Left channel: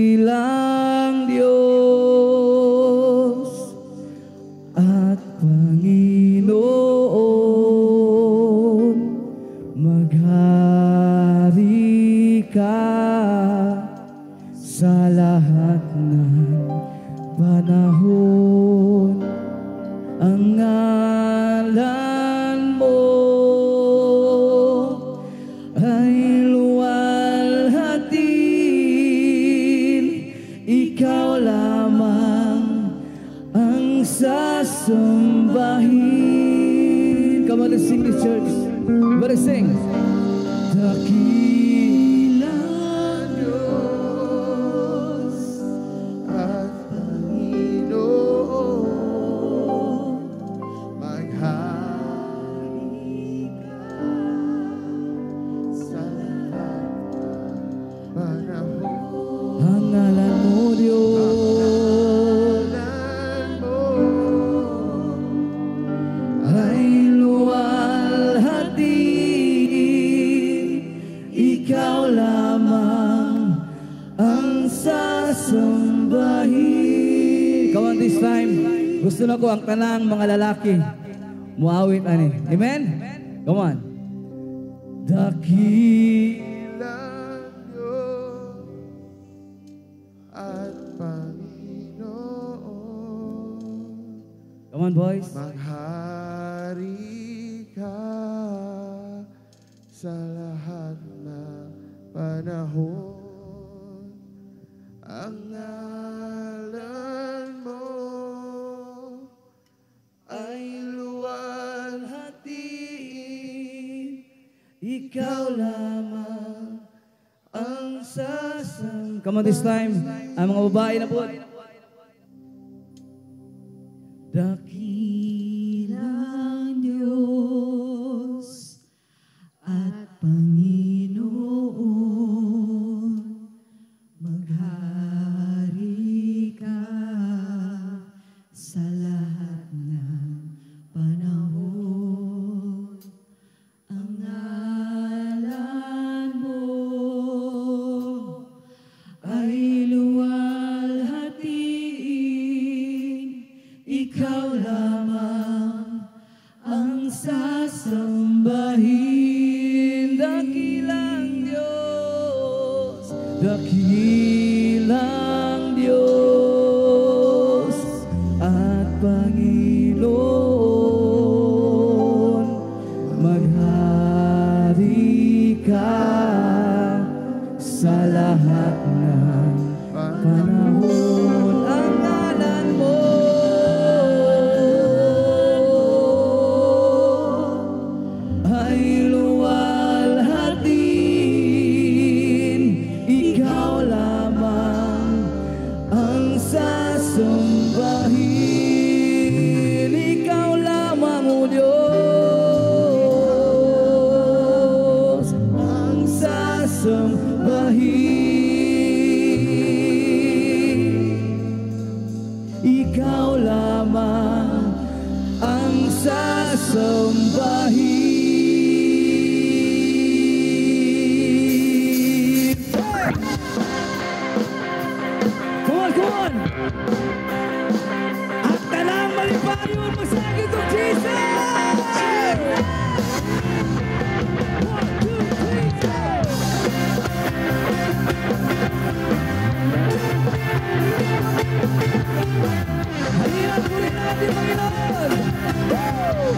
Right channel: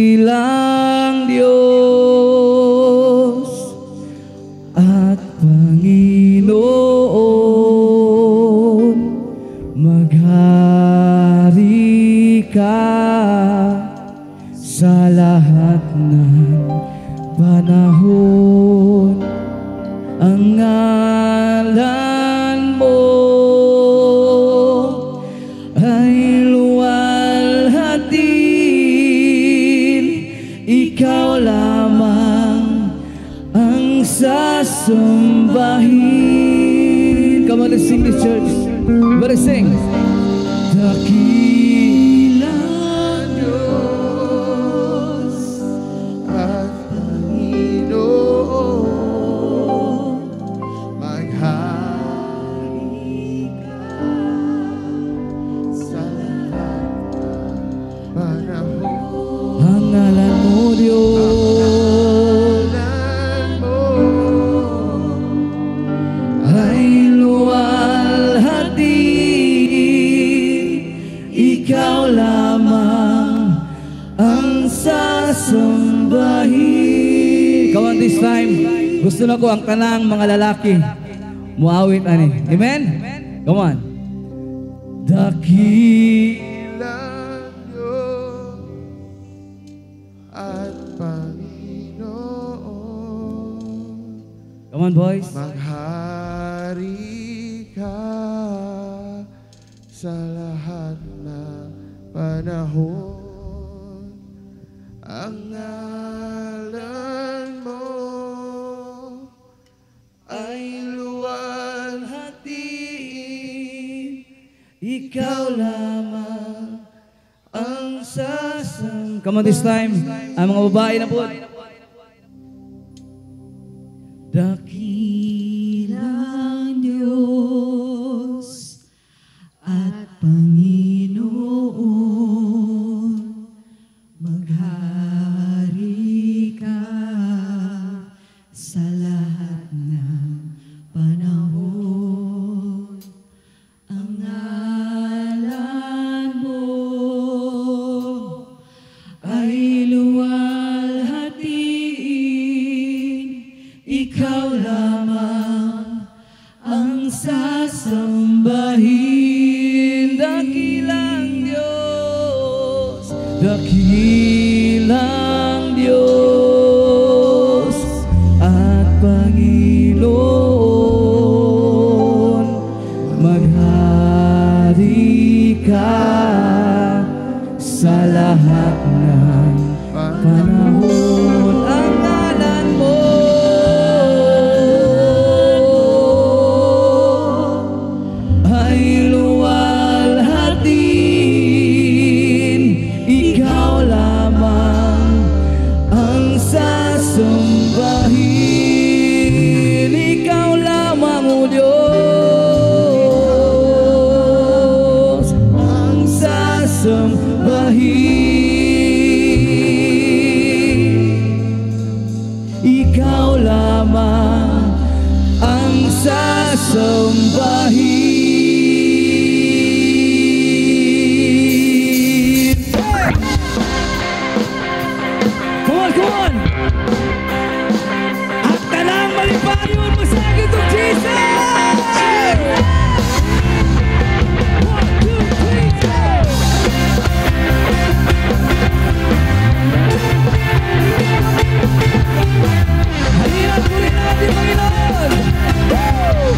Dakilang Diyos at Panginoon, maghari ka sa lahat ng panahon. Ang ngalan mo ay luwalhatin, ikaw lamang ang sasambahin. Come on, let's sing this, church. Let's sing. Dakilang Diyos at Panginoon, maghari ka sa lahat ng panahon. ang ngalan mo, Diyos, ay luwalhatin, ikaw lamang ang sasambahin. Come on, this time, gusto na ko ang tanang mga lalaki muawit ani. Amen? Come on. Dakilang Diyos at Panginoon, Come on, boys. maghari ka sa lahat ng panahon. Ang ngalan mo ay luwalhatin, Ikaw lamang ang sasam. Come on, this time. Ang mga babae na po. Dakilang Diyos at Panginoon, maghari ka sa lahat ng panahon. Ang ngalan mo ay luwalhatin, ikaw lamang ang sasambahin. Dakilang Diyos, dakilang Diyos at Panginoon, maghari ka sa lahat ng panahon. Ang ngalan mo ay luwalhatin, ikaw lamang ang sasambahin. Ikaw lamang, O Diyos, ang sasambahin. Ikaw lamang ang sasambahin. Hey! Come on, come on! At talang malipayon mo sa akin to Jesus! 1, 2, 3, go! Halina't muli natin, Panginoon! Woo!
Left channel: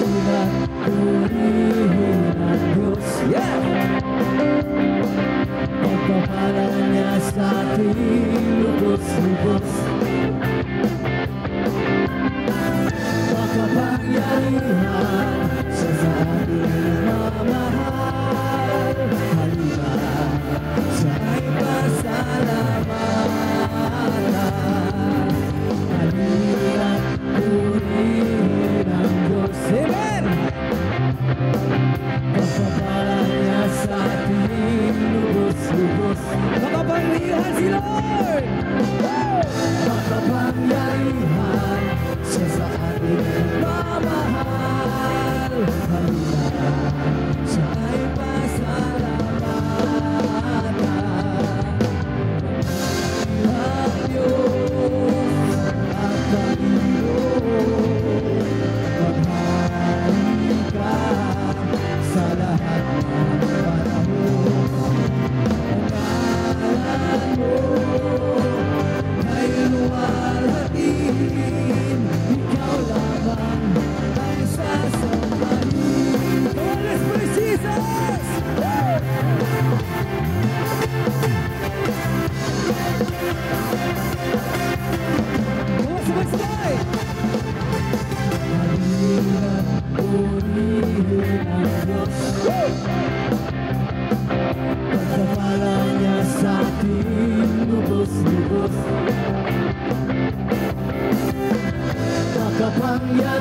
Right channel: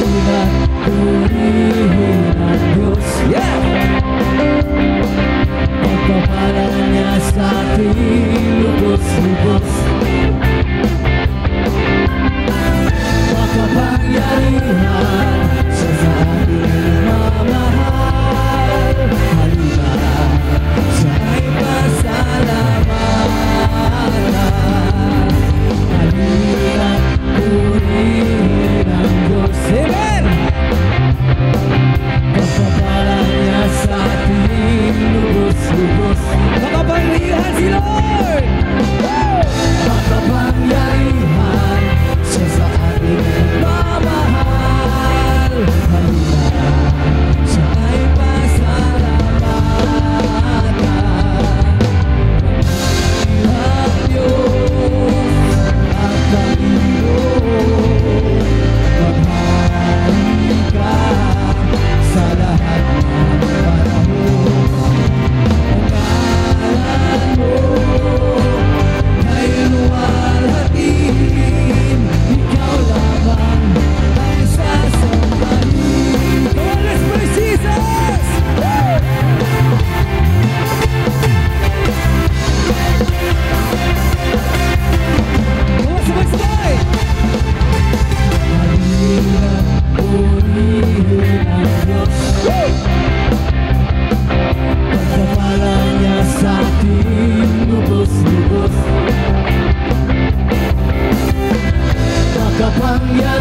Halina't purihin ang Diyos. Yeah! Pagpapalang niya sa ating lubos-lubos, makapangyarihan siya sa ating mamahal. Halina, siya'y pasalamatan. Halina't purihin ang Diyos. Amen! Pagpapalang niya sa ating lubos-lubos, makapangyarihan si Lord!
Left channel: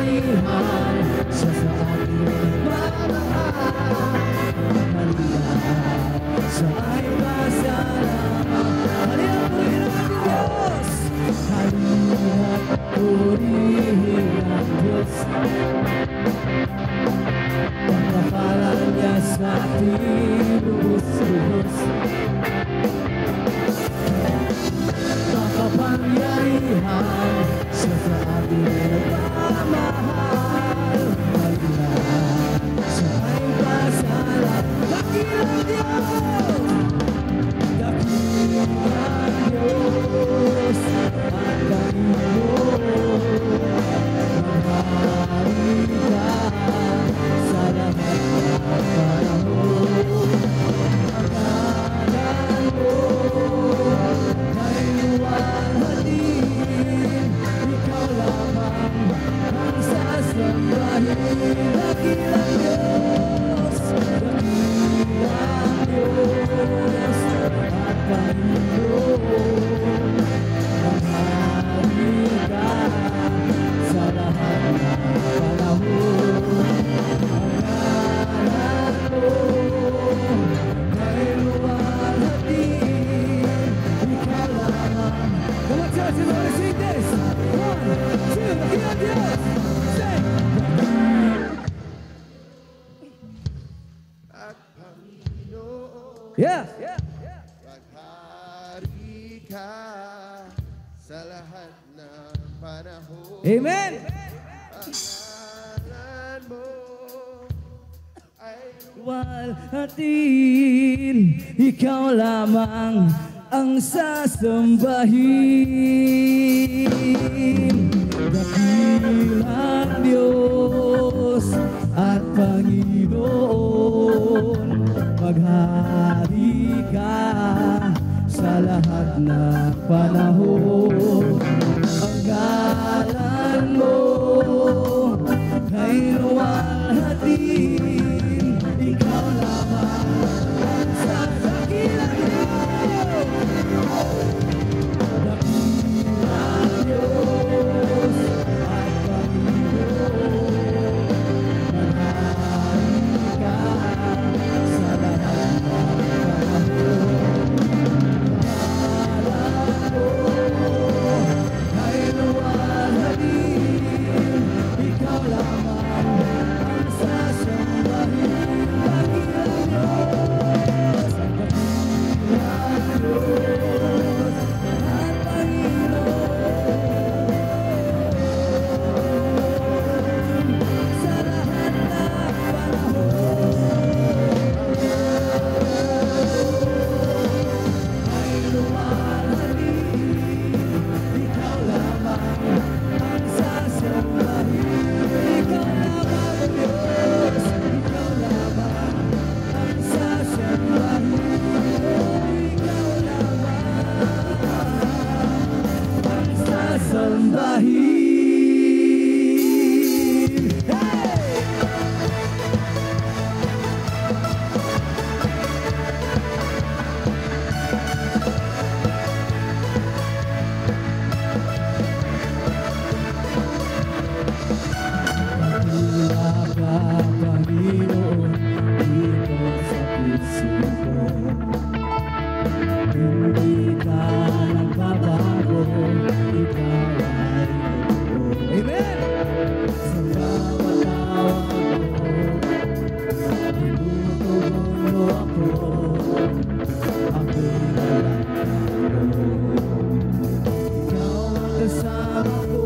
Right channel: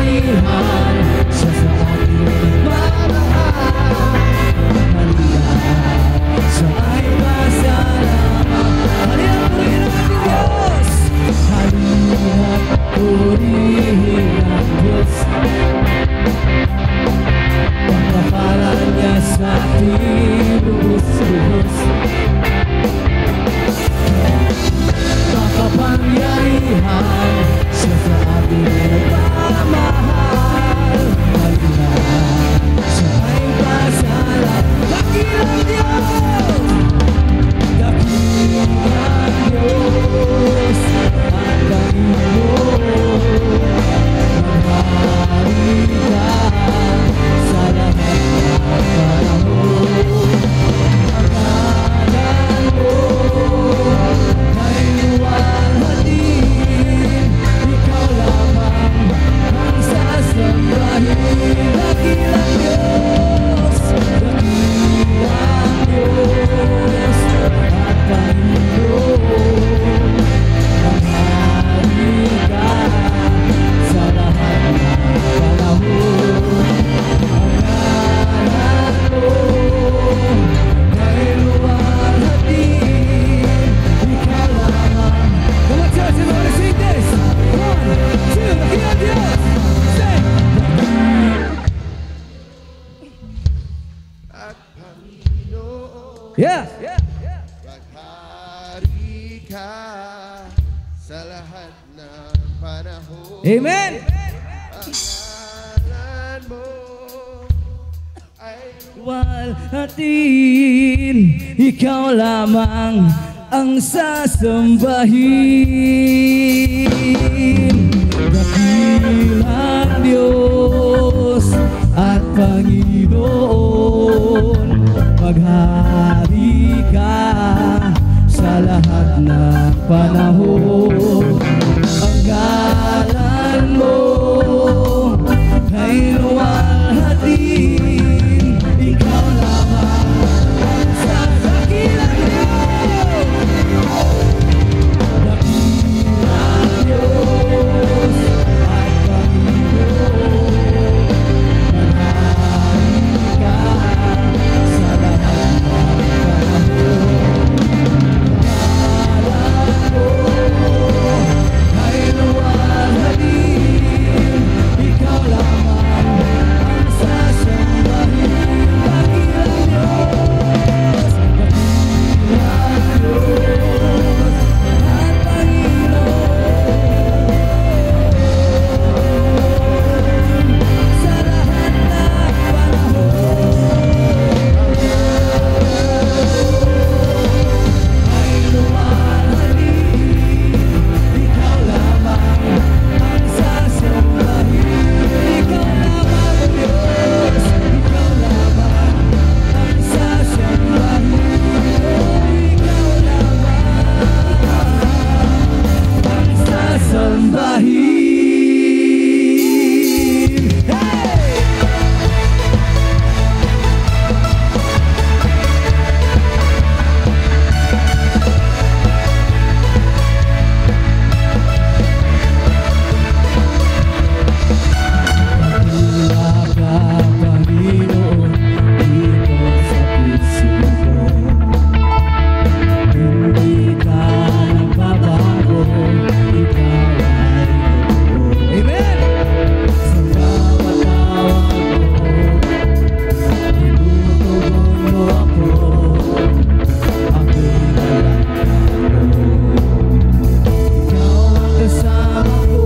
kapangyarihan, siya sa akin nagmamahal. Halina't siya ay masalamat. Halina't purihin ang ating Diyos. Halina't purihin ang Diyos. Pagkapalan niya sa ating lubos-lubos. Makapangyarihan, siya sa ating nagmamahal. Halina't siya ay masalamat. Dakilang Diyos! Dakilang Diyos! Ang Panginoon, maghari ka sa lahat ng panahon. Ang ngalan mo ay luwalhatin, ikaw lamang ang sasambahin. Dakilang Diyos, dakilang Diyos, at Panginoon, maghari ka sa lahat ng panahon. Ang ngalan mo ay luwalhatin, ikaw lamang. Come on, church, everybody sing this. 1, 2, dakilang Diyos. Sing. At Panginoon, Yeah. maghari ka sa lahat ng panahon. Amen. Ang ngalan mo ay Luwalhatin, ikaw lamang ang sasambahin. Dakilang Diyos at Panginoon, maghari ka sa lahat ng panahon. Ang ngalan mo ay luwalhatin, ikaw lamang ang sasakilang Diyos. Dakilang Diyos at Panginoon, maghari ka sa lahat ng panahon. Ang ngalan mo ay luwalhatin, ikaw lamang ang sasambahin. Dakilang Diyos, dakilang Diyos at Panginoon, sa lahat ng panahon. Ay luwalhatin, ikaw lamang ang sasambahin. Ikaw lamang, Diyos, ikaw lamang ang sasambahin. Ikaw lamang ang sasambahin. Hey! Dakila ka, Panginoon, dito sa puso ko. Hindi ka nagbabago, ikaw ay totoo. Amen! Sa bawat tawag mo, tinutugon mo ako. Ako'y nalangkang mo. Ikaw ang kasama ko.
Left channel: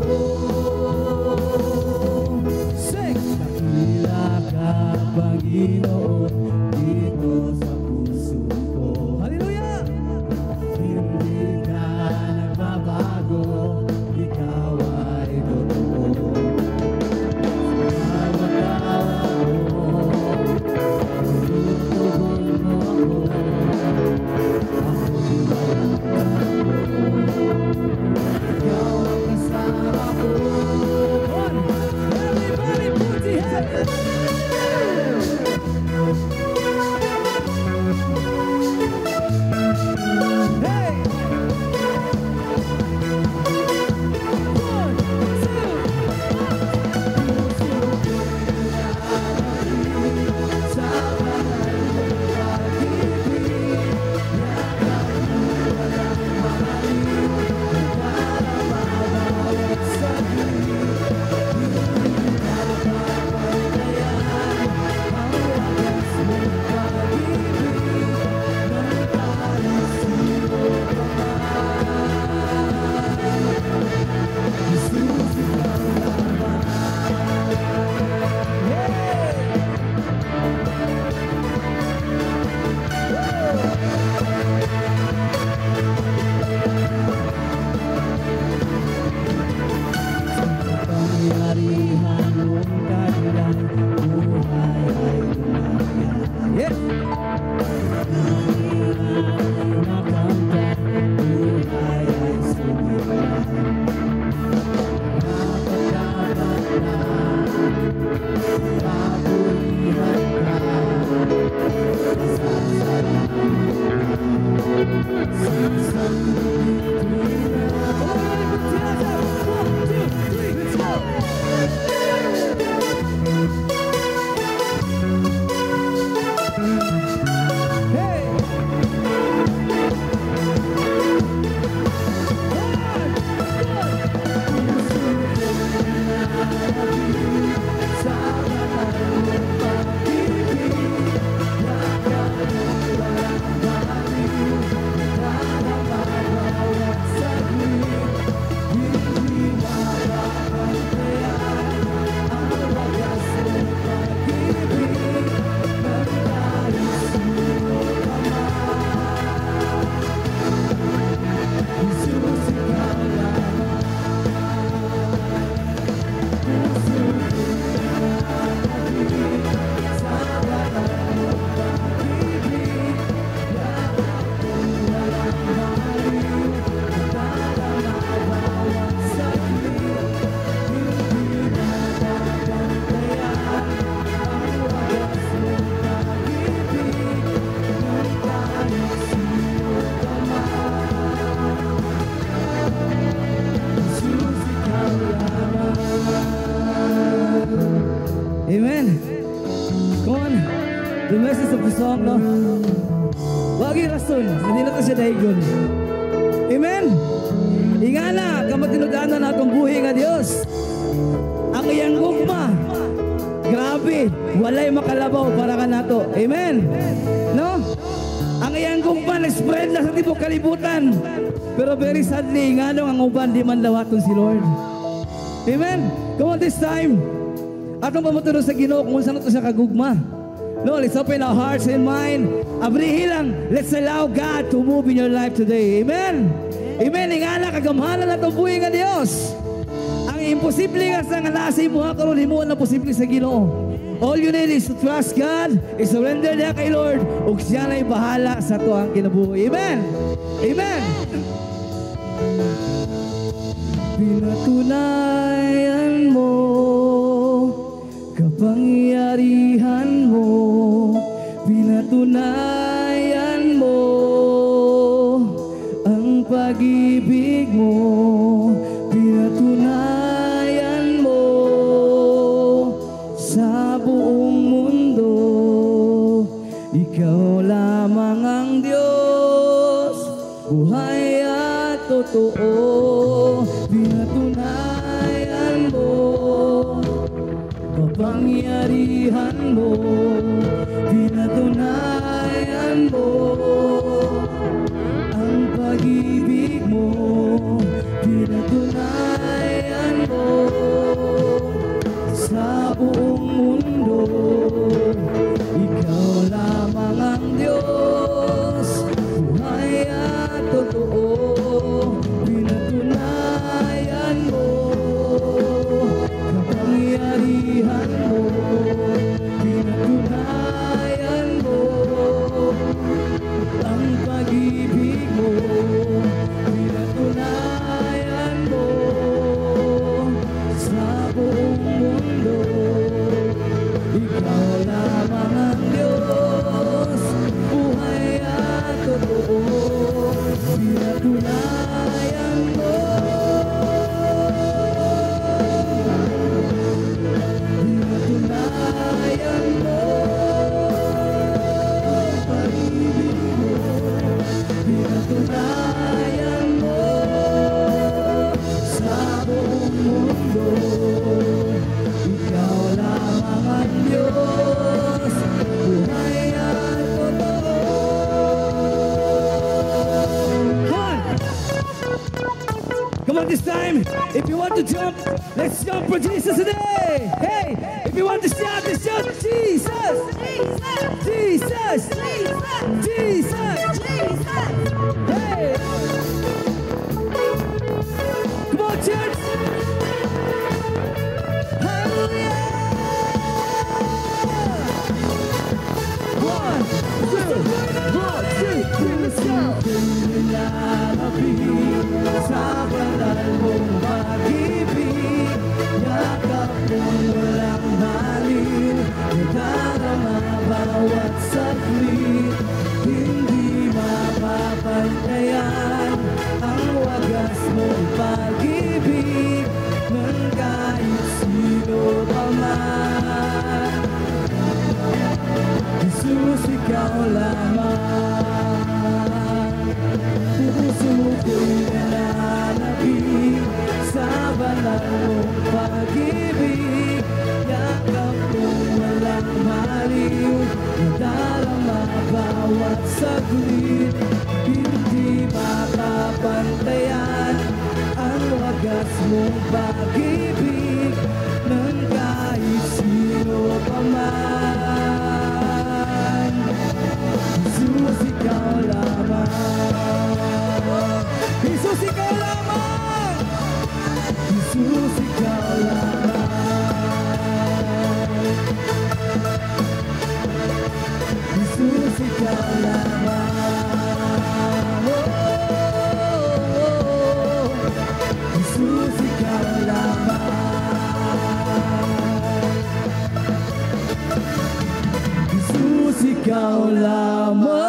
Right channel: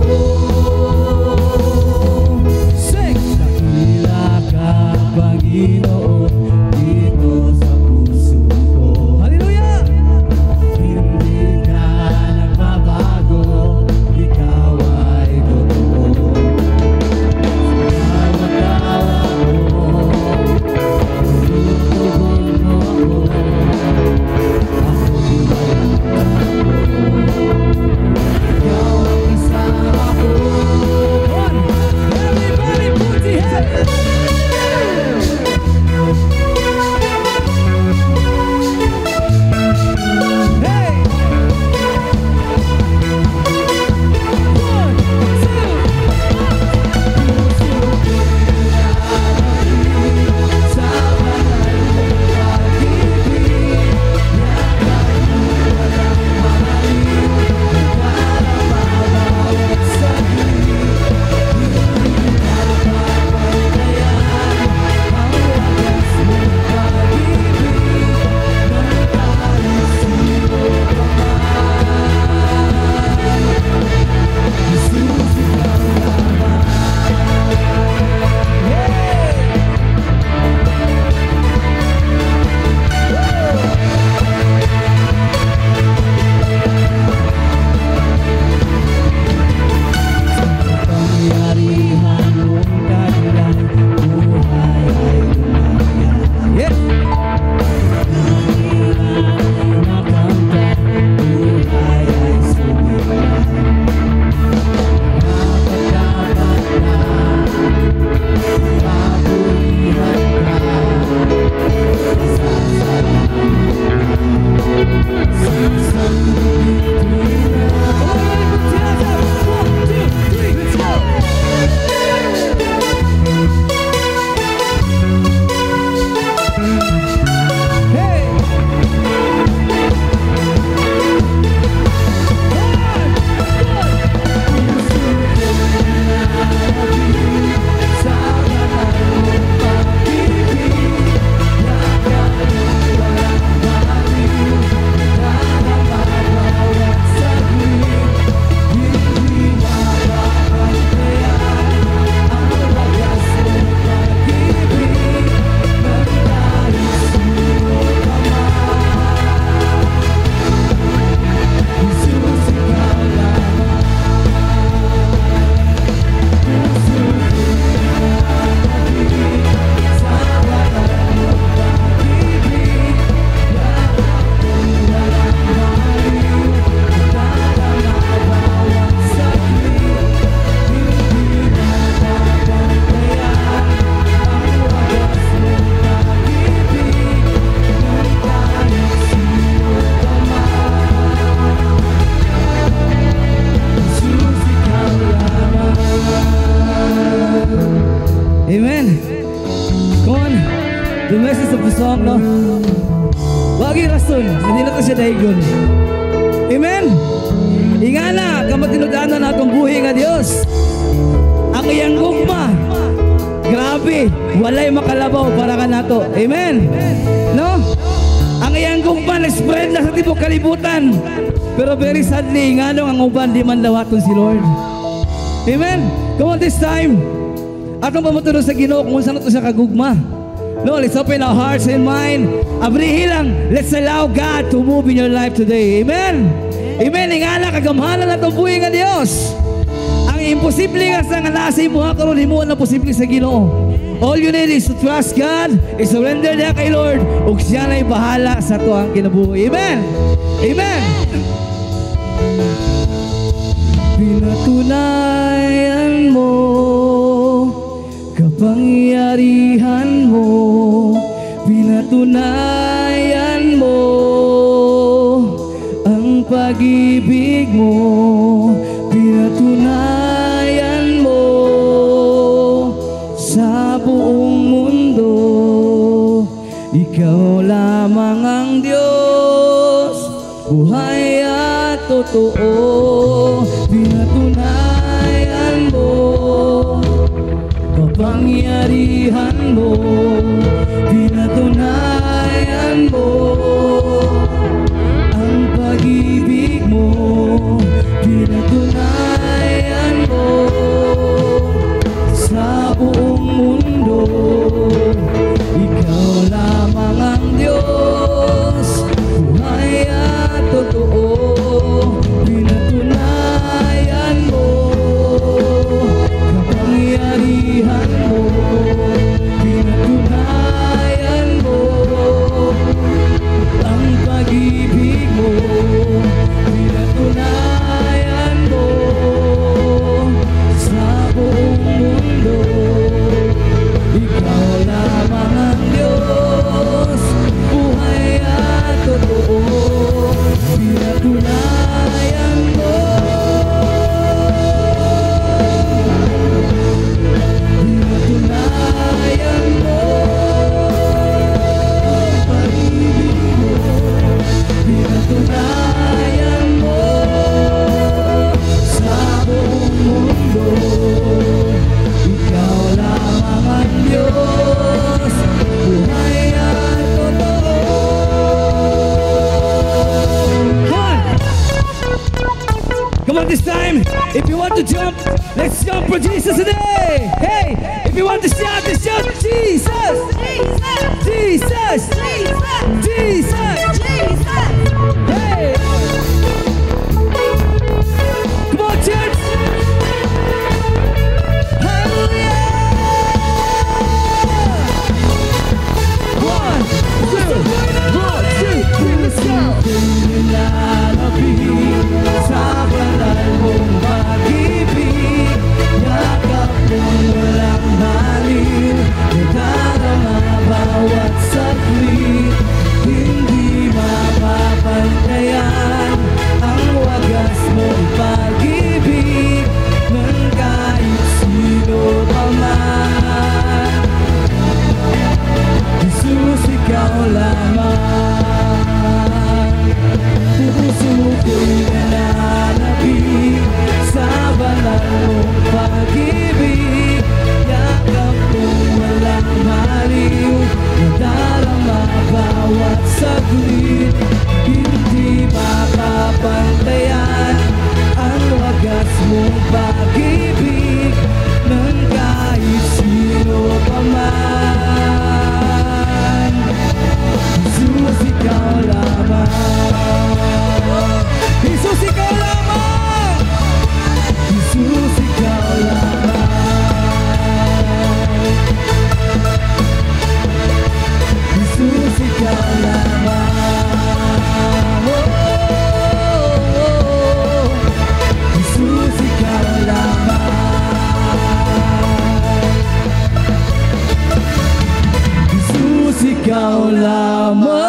Sing! Dakila ka, Panginoon, dito sa puso ko. Hallelujah! Hindi ka nagbabago, ikaw ay totoo. Sa bawat tawag mo, tinutugon mo ako. Ako'y nalangkang mo. Ikaw ang kasama ko. Everybody put your hands Amen. Come on. The message of the song, no? Wagi rason, hindi na ito siya daigon. Amen. Ingana, kamatinudanan na itong buhay nga Diyos. Ang iyang gugma, grabe, walay makalabaw para ka nato. Amen. No? Ang iyang gugma, nag-spread na sa tibok kalibutan. Pero very sadly, nga nung ang uban, di man lawaton si Lord. Amen. Come on, this time, atong pamutulong sa Ginoo kung saan ito siya kagugma. No, let's open our hearts and mind. Abrihi lang, let's allow God to move in your life today. Amen. Amen. Ingana, kagamhanan na itong buhay nga Diyos. Ang imposible nga sa nga nasa imuha karon himuon na posible sa Ginoo. All you need is to trust God, is surrender niya kay Lord, ug siya na'y bahala sa tuang kinabuhi. Amen. Amen. Pinatunayan mo kapangyarihan mo, pinatunayan mo ang pag-ibig mo, pinatunayan mo sa buong mundo. Ikaw lamang ang Diyos, buhay at totoo. Pinatunayan mo kapangyarihan mo, pinatunayan mo ang pag-ibig mo, pinatunayan mo sa buong mundo. Ikaw lamang ang Diyos, buhay at totoo. Pinatunayan mo kapangyarihan mo, pinatunayan mo ang pag-ibig mo, pinatunayan mo sa buong mundo. Ikaw lamang ang Diyos, buhay at totoo. Pinatunayan mo, pinatunayan mo pag-ibig mo, pinatunayan mo sa buong mundo. Ikaw lamang ang Diyos, buhay at totoo. Come on, this time, if you want to jump, let's jump for Jesus today. Hey, if you want to shout, let's shout Jesus, Jesus, Jesus, Jesus, Jesus. Hey, come on, church. Hallelujah. 1, 2, 1, 2, 3, let's go. Sa banal mong pag-ibig, yakap mong walang baliw, nadarama bawat saglit, hindi mapapantayan ang wagas mong pag-ibig ng kahit sino pa man. Jesus, ikaw lamang, puso ko'y nananabik sa banal mong pag-ibig, yakap mong walang maliw, nadarama bawat saglit, hindi mapapantayan ang wagas mong pag-ibig ng kahit sino pa man. Jesus, ikaw lamang, Jesus, ikaw lamang, Jesus, ikaw lamang, Jesus, ikaw lamang, oh, Jesus, ikaw lamang, Jesus, ikaw lamang.